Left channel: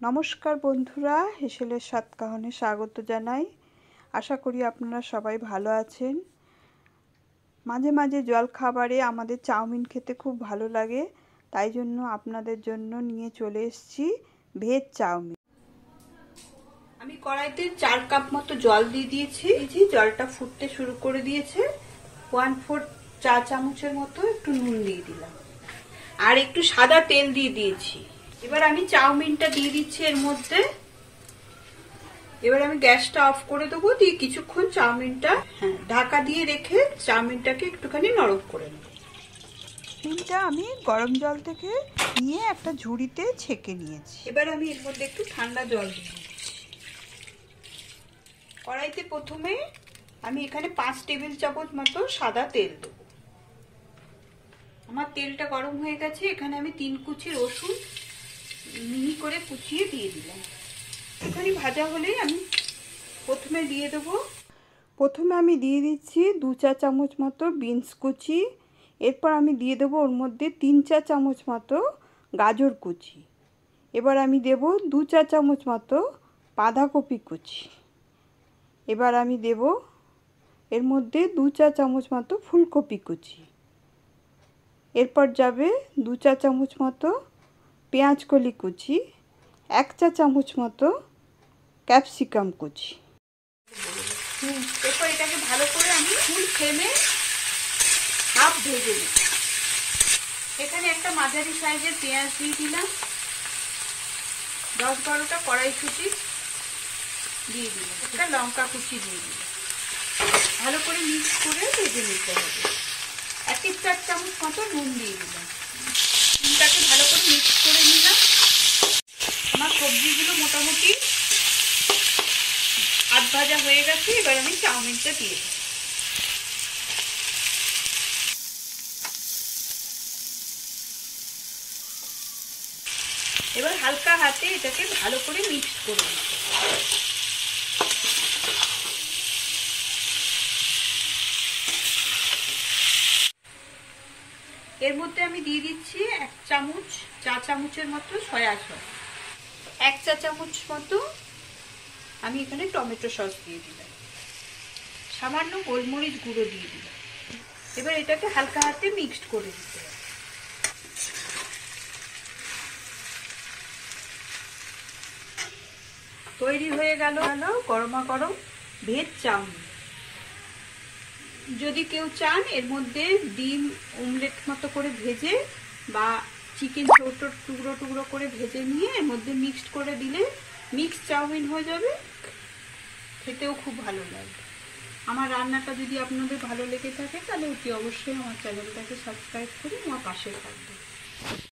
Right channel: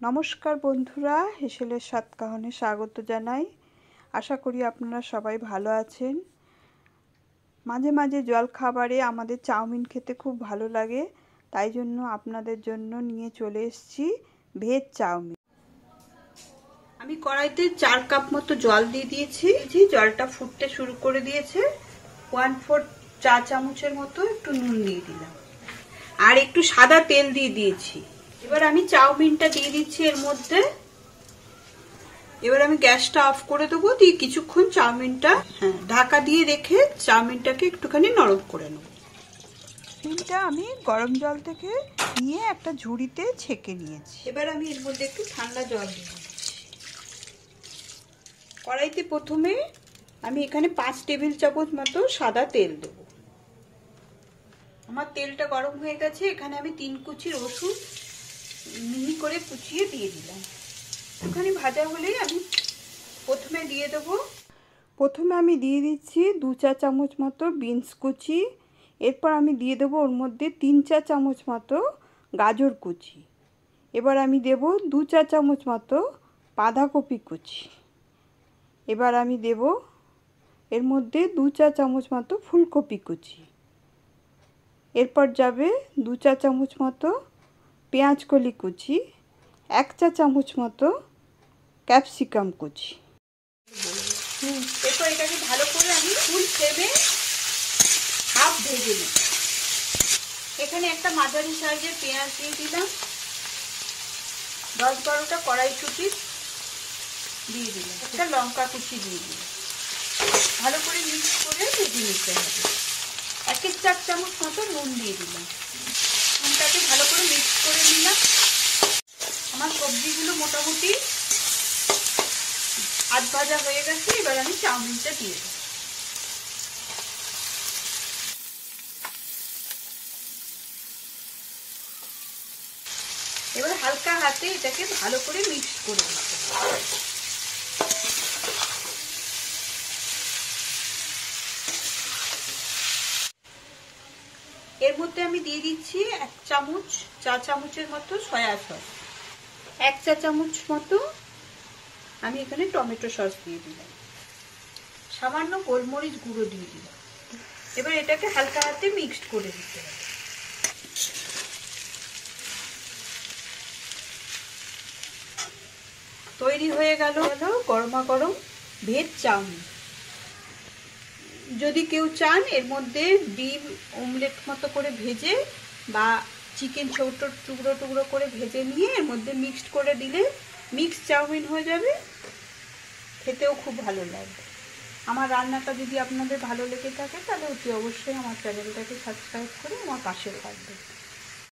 নমস্কার বন্ধুরা, হেসেলের সাতকাহনে স্বাগত জানাই। আশা করি আপনারা সবাই ভালো আছেন। মাঝে মাঝে জলখাবারে আমাদের চাউমিন খেতে খুব ভালো লাগে, তাই জন্য আপনাদের জন্য নিয়ে চলে এসেছি ভেজ চাউমিন। আমি কড়াইতে 4 কাপ মতো জল দিয়ে দিয়েছি। জলটা ফুটতে শুরু করে দিয়েছে। 1/4 চা চামচের মতো একটু নুন দিয়ে দিলাম, আর একটু সাদা তেল দিয়ে দিয়েছি। এবার আমি চাউমিনটা দিয়ে দিচ্ছি এর মধ্যে। এবার আমি গ্যাসটা অফ করে দেবো, দিয়ে কিছুক্ষণ চাউমিনটা ঢাকা দিয়ে রেখে চাউমিনটাকে একটুখানি নরম করে নেব। চাউমিনটা আমি গরম জল থেকে নিয়ে একটা ঝুড়িতে ছেঁকে নিয়েছি। এবার আমি এর মধ্যে একটু ঠান্ডা জল দিয়ে দিচ্ছি। কড়াইতে প্রথমে আমি এখানে 5 টেবিল চামচ মতো সাদা তেল দেবো। আমার তেলটা গরম হয়ে গেছে। এখানে আমি 3 কুচি রসুন মিহি করে কুচিয়ে দিয়ে দিলাম। একটুখানি ভাজা হলে আমি প্রথমে আমি দিয়ে দিচ্ছি 2 চা চামচ মতো বিনস কুচি। এরপর আমি দিয়ে দেবো ওর মধ্যে 3 চা চামচ মতো গাজর কুচি। এবার আমি দেব 2 চা চামচ মতো বাঁধাকপি কুচি। এবার আমি দেব এর মধ্যে 2 চা চামচ মতো ফুলকপি কুচি। এরপর যাবে 2 চা চামচ মতো পেঁয়াজ কলি কুচি, 1 চা চামচ মতো ক্যাপসিকাম কুচি। এরপর এটাকে ভালো করে আমি ফুল ফ্লেমে হাফ ভেজে নিই। এখানে একটা মাঝারি সাইজের পেঁয়াজ দিয়ে দিলাম, 10-12টা কড়াইশুঁটি দিয়ে দিলাম, একটা লঙ্কা কুচি দিয়ে দিলাম। ভালো করে মিক্স করে ভেজে নিতে হবে। 1 চা চামচ মতো নুন দিয়ে দিলাম। নুনটাকে ভালো করে মিক্স করে নিলাম। আমার সবজিগুলো মোটামুটি আধ ভাজা হয়ে গেছে। এবার আমি চাউমিনটা দিয়ে দেব। এবার হালকা হাতে এটাকে ভালো করে মিক্স করে দেব। এর মধ্যে আমি দিয়ে দিচ্ছি 1 চা চামচের মতো সয়া সস, 1 চা চামচ মতো আমি এখানে টমেটো সস দিয়ে দিলাম, সামান্য গোলমরিচ গুঁড়ো দিয়ে দিলাম। এবার এটাকে হালকা হাতে মিক্সড করে দিতে হবে। তৈরি হয়ে গেল গরমা গরম ভেজ চাউমিন। যদি কেউ চান এর মধ্যে ডিম অমলেট মতো করে ভেজে বা চিকেন ছোট টুকরো টুকরো করে ভেজে নিয়ে এর মধ্যে মিক্সড করে দিলে মিক্স চাউমিন হয়ে যাবে। খেতেও খুব ভালো লাগবে। আমার রান্নাটা যদি আপনাদের ভালো লেগে থাকে তাহলে অতি অবশ্যই আমার চ্যানেলটাকে সাবস্ক্রাইব করে আমার পাশে থাকবে।